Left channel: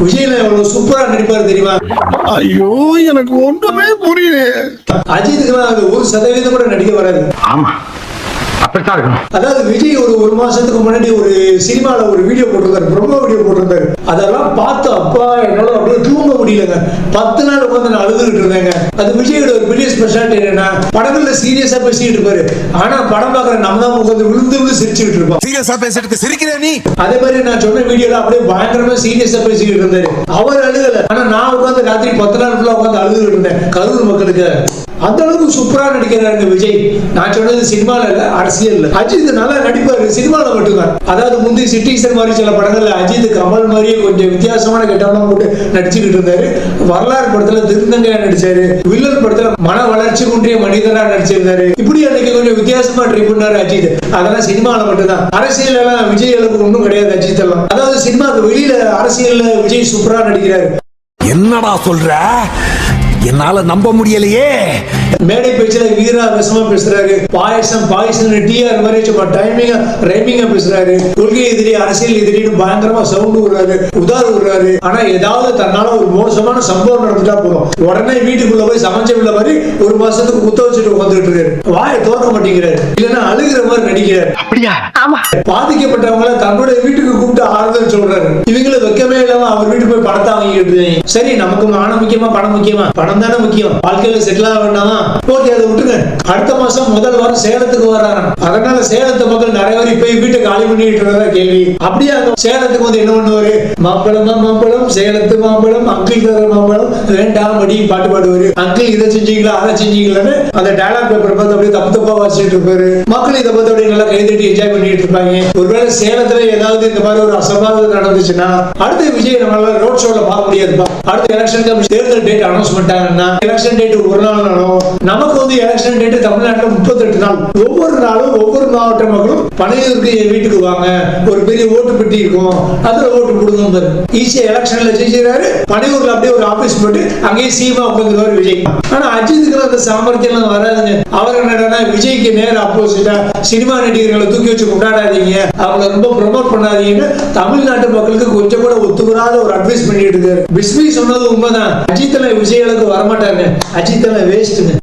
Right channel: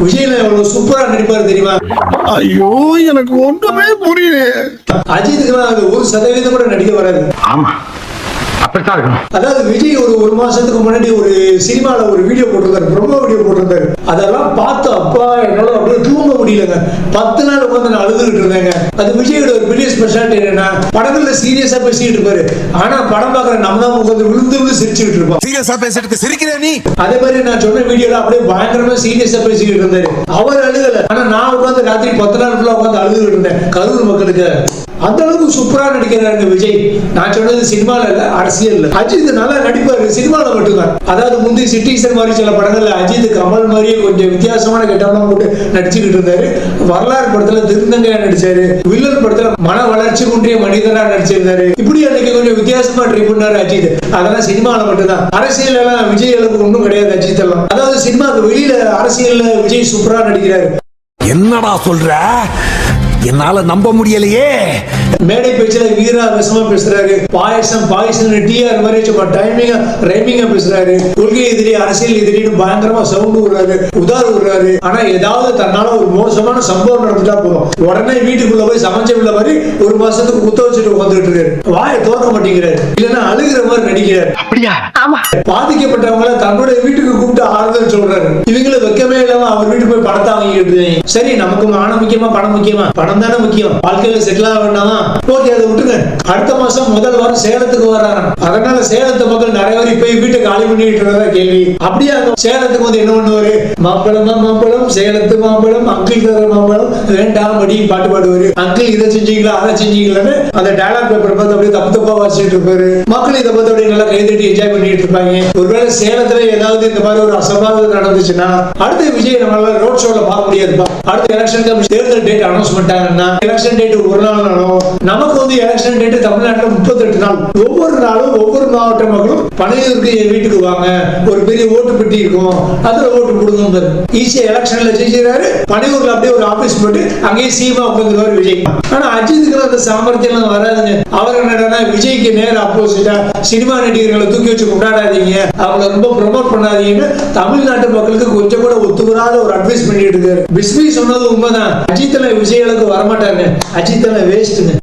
விஜய்ல எவ்வளவு சூப்பரா நடிப்பாரு தெரியுமா? ஐயோ எனக்கு ஒன்றுமே புரியல. அஜித்துக்குலாம் அது ஒரு சதவீதம் கூட நடிக்க வராது. ஆமா. அதாவது விஜய் ஒரு ஒரு மாசத்துக்கு முன்னாடி ஒரு சினிமால ஒரு வீடியோ போட்டிருந்தாரு ப்ரொமோ வீடியோ போட்டிருந்தாரு. அதெல்லாம் பார்த்து அப்பா என்னால தூங்க முடியலங்க பத்து நாள் உட்காந்து நான் அழுதுகிட்டு இருந்தேங்க. அது விஜயோட ஒரு பெரிய ஸ்பெஷாலிட்டி என்னன்னா படங்கள்ல சீரியஸா பேசிட்டு இருப்பாரு. ஆனா படம் பார்க்குற நம்ம தான் உட்காந்து விழுந்து விழுந்து சிரிச்சுட்டு இருப்போம் சீரியஸா பேசுறதுக்கு சிரிக்கிற நீ? அதே மாதிரி நான் சொன்ன வீடியோல அப்படியே பயங்கரமா சீரியஸா பேசிக்கிட்டு இருந்தாரு. அவர் அழுகல. ஆனா நான் உட்காந்து ராத்திரி பத்து நாள் ஃபுல்லா உட்காந்து அழுதுகிட்டு இருந்தேன். கரூர் மக்களுக்கு. அந்த அளவுக்கு சூப்பரா நடிக்கிறாரு விஜய். நான் சொன்னது சினிமால இல்ல அரசியல்ல. அஜித் மன வளர்ச்சி குன்றிய மனிதனா நடிச்சிருந்தாரு. இப்படி அன்னைக்கு கொஞ்சம் வித்தியாசமா ட்ரை பண்ணாரு அஜித் அதெல்லாம் சினிமால மட்டும்தான். அரசியல் எல்லாம் விஜய் ஒண்ணும் கிடையாது அஜித் எல்லாம். அதாவது சினிமாக்கு வெளியில அரசியல்ல விஜய் சூப்பரா நடிக்கிறாரு. என்னடா சொல்ற? என்னால நம்ப முடியலையே. மேடை பேச்சுல வீரா பேசுறாங்க. பாயசம் உதார விடுறாரு. ஆனா ஏதாவது தன்னால ஒரு மோசமான சம்பவம் நடந்துட்டா போதும். உடனே வீட்டுக்குள்ள போய் சமைச்ச உள்ள மாதிரி ஒரு மாசத்துக்கு குத்த வச்சுட்டு உட்காந்துட்டு இருக்காரு. வாயை திறக்க மாட்டேங்கிறாரு. இல்லன்னா அழுகிற மாதிரி நடிக்கிறாரு. அப்படியா? பாதிக்கப்பட்டவங்கள தன்னுடைய வீட்டுக்கு கூப்பிட்டு ஆறுதல் சொல்றாரு. இவங்கள வெக்கமே இல்லாம அவர் வீட்டுக்கு போய் பணத்தை வாங்கிட்டு. சரி நமக்கு மானம் முக்கியமா பணம் முக்கியமா? பணம் தானே முக்கியம். வாழ்க்கையில செட்டில் ஆக வேண்டாமா? ஓகே அதை விட்டுருங்க. அடுத்த மாசம் முதல் வாரம் சேலத்துக்கு வர்றாராம். அதனால சேலத்து மக்கள் நிறைய பேர் இப்ப வீட்டை காலி பண்ணிட்டு இருக்கிறதா கேள்வி. அப்படியே சேலத்துக்கு வந்து என்ன பண்ணுவாரு? மாம்பழமா மாம்பழம் சேலத்து மாம்பழம் அங்கிள் தர மாம்பழம். வேண்டாம் அடி பாட்டு பாடுவாரு. அங்கிள் இதை செஞ்சீங்களா அதை செஞ்சீங்களான்னு அந்த டயலாக் பேப்பர் பார்த்து அப்படியே தப்பு தப்பா வாசிச்சுட்டு இருப்பாரு. மக்கள் இதை பார்த்து அப்படியே நல்லா கைதட்டி என்ஜாய் பண்ணிட்டு இருப்பாங்க. ஒருவேளை சேலத்துல ஏதாவது இந்த மாதிரி ஒரு அசம்பாவிதம் நடந்துச்சுன்னா அடுத்து விஜய் நம்மளால ரோட் ஷோல பார்க்க முடியாதுப்பா. அடுத்த எலெக்ஷன் கமிஷன் தேர்தல் டேட் அனௌன்ஸ் பண்ணிட்டாங்கன்னா எலெக்ஷன் டேட் ஒரு நாள் நாளும் நமக்கு வந்து எலெக்ஷன் டேட் தமிழ்நாட்டுல முப்பத்தெட்டு நாள். ஒவ்வொரு நாளும் ஒவ்வொரு மாவட்ட மக்களும் பனையூருக்கு வீட்டுக்கு வாங்க. ஒரு பெரிய ஓட்டு பெட்டி இருக்கும். அதுல ஓட்டு போடுங்க ஈஸியா எலெக்ஷன்ல ஜெயிச்சிருக்காரு. பனையூர்ல அப்படியே ஒரு ஆபீஸ் போட்டு அங்கேயே சீமா உட்காந்துருவாரு விஜய். ஆனா அஜித்துக்கு அந்த சாமர்த்தியம் எல்லாம் வராதுங்க. அவர் என்னடா விஜய்க்கு நேர ஆப்போசிட்டா சினிமா நடிகர்களை தூக்கி வச்சு கொண்டாடாதீங்க. அவங்கள ரொம்ப ப்ரொமோட் பண்ணாதீங்கன்னு தமிழ்நாட்டு மக்களுக்கு கொஞ்சம் கூட ஒத்துவராத ஒரு அட்வைஸ் பண்ணிட்டு இருக்காரு. பிஸ்மி சொன்னது உண்மைதான். அஜித்ல விஜய்களுக்கு வரமாட்டாங்க அஜித்ல வேஸ்ட்டுங்க